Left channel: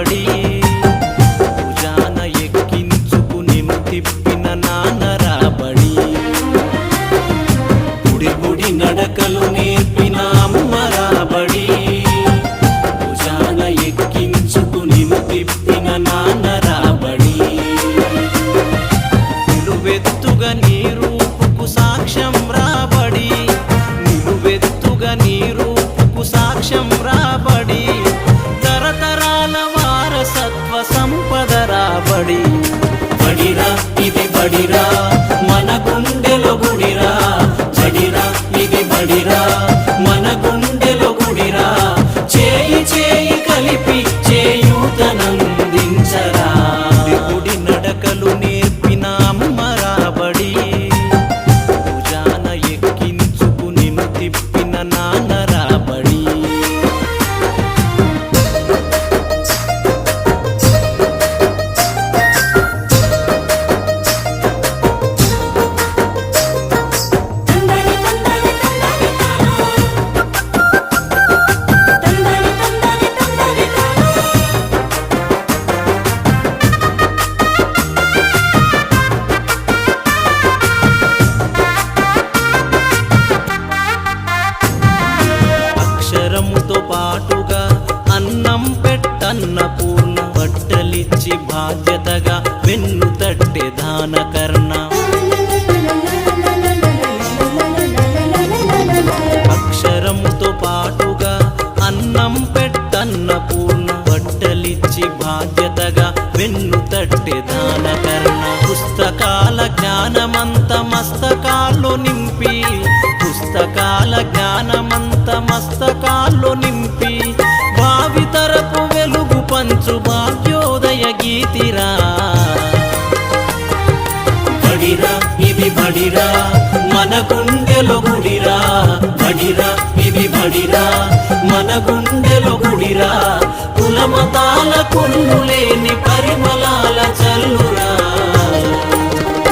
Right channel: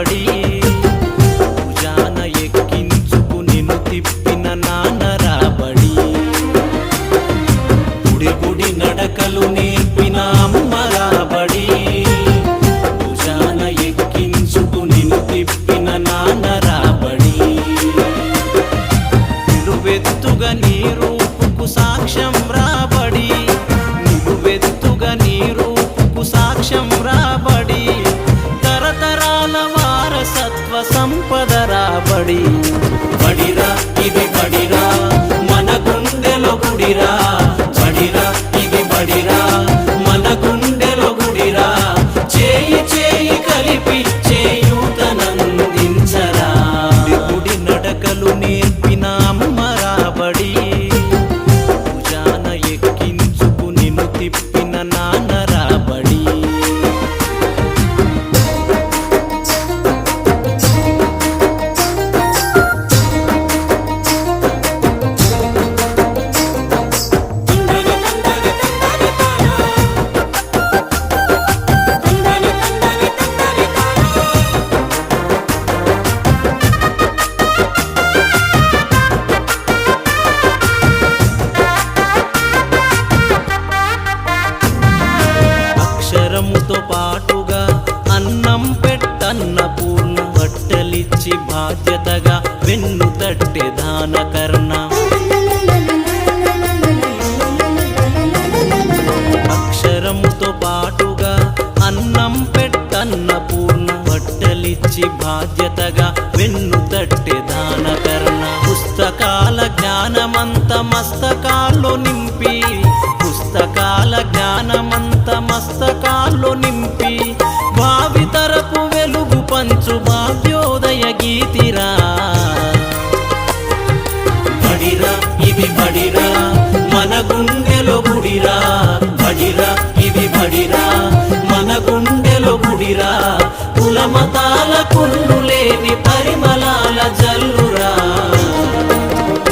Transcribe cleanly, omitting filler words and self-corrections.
రాబడి భుజాన ఎక్కించుకు నిన్ను తిప్పిన నాన్న రాబడి గుడి గుడి నడకలు నేర్పిన అమ్మ రాబడి భుజాన ఎక్కించుకు నిన్ను తిప్పిన నాన్న రాబడి నిలువెత్తుగా నీ రూపుకు సాక్ష్యం రాబడి నిలువెత్తుగా నీ రూపుకు సాక్ష్యం రాబడి తరతరాల వారసత్వ సంపద రాబడి బడిరా ఇది బడిరా మన గుండెలో గుడిరా బడిరా ఇది బడిరా మన గుండెలో గుడిరా చేయి చేయి కలిపి చేయూతనందించరా గుడి నడకలు నేర్పిన అమ్మ రాబడి భుజాన ఎక్కించుకు నిన్ను తిప్పిన నాన్న రాబడి అక్షరముతో పాటుగా అన్నం పెట్టన్న పూర్ణ బట్టలిచ్చి బాధ్యతగా వెన్ను తట్టె దానకర్ణ అక్షరముతో పాటుగా అన్నం పెట్టన్న పూర్ణ బట్టలిచ్చి బాధ్యతగా వెన్ను తట్టె దానకర్ణ పుస్తకాల జ్ఞానమంత మస్తకాల్లో నింపి పుస్తకాల జ్ఞానమంత మస్తకాల్లో నింపి భావితరపు వెలుగు పంచు భాగ్యోదయ గీతిరా బడిరా ఇది బడిరా మన గుండెలో గుడిరా బడిరా ఇది బడిరా మన గుండెలో గుడిరా కులమతాల కొన్ను లేని పరిమళాల జల్లురా